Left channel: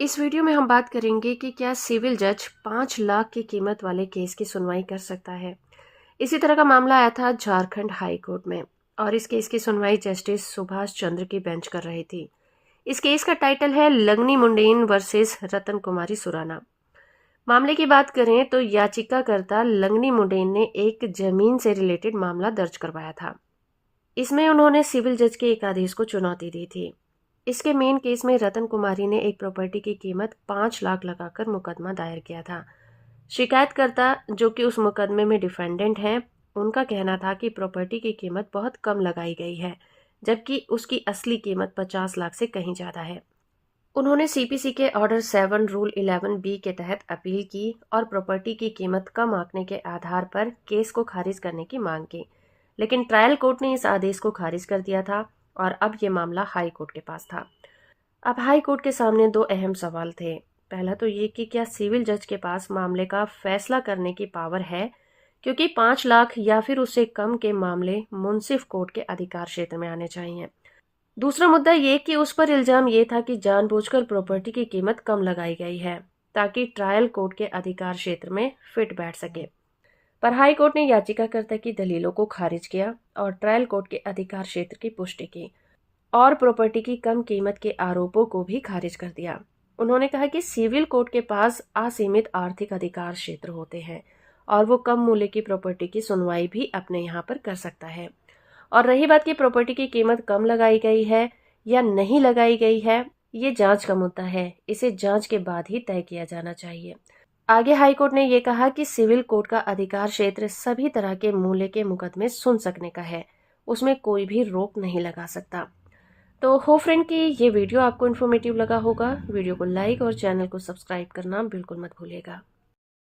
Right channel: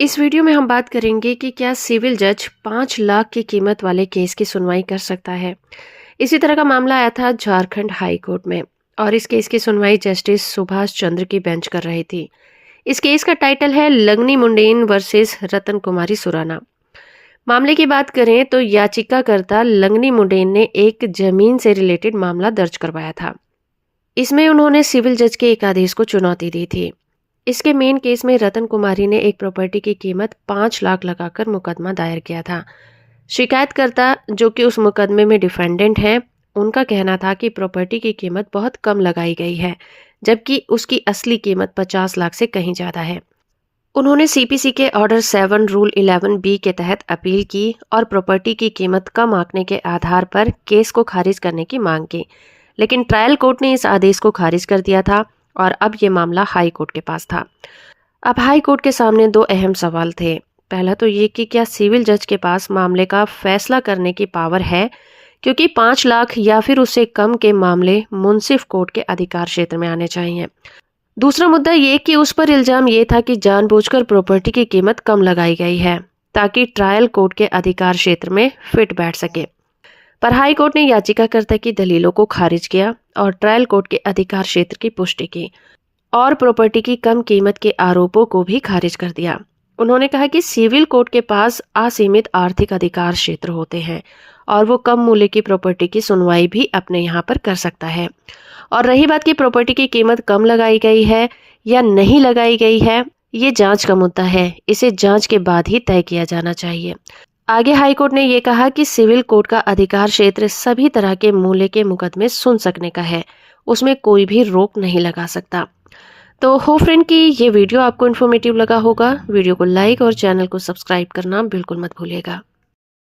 इस वीडियो में हम बात करेंगे कि क्या सिविल जज 5 लाख की कीमत वाले केस की सुनवाई कर सकता है। इसी तरह का मामला आया था झारखंड हाई कोर्ट में और इस केस की सुनवाई जस्टिस सुभाष चंद्र की बेंच कर रही थी। इस केस का टाइटल है लंगनी मुंडेन वर्सेस रतन कुमारी सुराना। मामले की बात करें तो याचिकाकर्ता लंगनी मुंडेन ने एक जमीन से रिलेटेड मामला दर्ज करवाया था। इसमें उन्होंने सिविल जज के एक आदेश को चुनौती दी थी। इसके मेन केस में रतन कुमारी ने एक प्रॉपर्टी की कीमत 5 लाख लगाकर मुकदमा दायर किया था। शिकायतकर्ता जो कि उस मुकदमे में डिफेंडेंट हैं, उनका कहना था कि प्रॉपर्टी की कीमत बहुत कम लगाई गई है, जबकि उसकी असली कीमत 50 लाख से कहीं ज़्यादा है। उन्होंने सीपीसी के ऑर्डर 7 रूल 11 बी के तहत अपील की और प्रॉपर्टी की कीमत कम आंकने के आधार पर केस को खारिज करने की मांग की, लेकिन ट्रायल कोर्ट ने इस आदेश को खारिज कर दिया था और अब ये मामला हाई कोर्ट के पास था। अब हाई कोर्ट के सामने दो अहम सवाल थे। पहला तो ये कि क्या सिविल जज के पास मामले का फैसला करने की पावर है, क्योंकि 5 लाख या फिर उससे कम के मामले मुंसिफ कोर्ट के अधिकार क्षेत्र में आने चाहिए। दूसरा मुद्दा ये कि उस पर इल्जाम ये था कि जानबूझकर प्रॉपर्टी की कीमत कम लगाई गई है ताकि ट्रायल कोर्ट के अधिकार क्षेत्र में फिट बैठ सके। पर हाई कोर्ट ने याचिकाकर्ता की दलीलों को खारिज किया और ट्रायल कोर्ट के अधिकार क्षेत्र की पुष्टि की और प्रॉपर्टी की कम कीमत के आरोपों को भी खारिज कर दिया। उन्होंने कहा कि सिविल कोर्ट के पास असीमित आर्थिक अधिकार क्षेत्र होते हैं और वो कम मूल्य की प्रॉपर्टी की सुनवाई भी अपने यहाँ पर कर सकता है। और रही बात की प्रॉपर्टी की कीमत कम लगाई गई है या नहीं लगाई गई है, ये जांच का मुद्दा है। इसे जांच के बाद ही तय किया जाना चाहिए। आगे हाईकोर्ट ने ये कहा कि सिविल कोर्ट का अधिकार क्षेत्र सभी तरह के मूल्य के मुकदमे सुन सकने का है, उसमें कोई भी रोक नहीं लगा सकता। तो हो फ्रेंड कि ये वीडियो आपको इन्फॉर्मेटिव लगा होगा। वीडियो को लाइक और चैनल को सब्सक्राइब करना बिल्कुल मत भूलिएगा।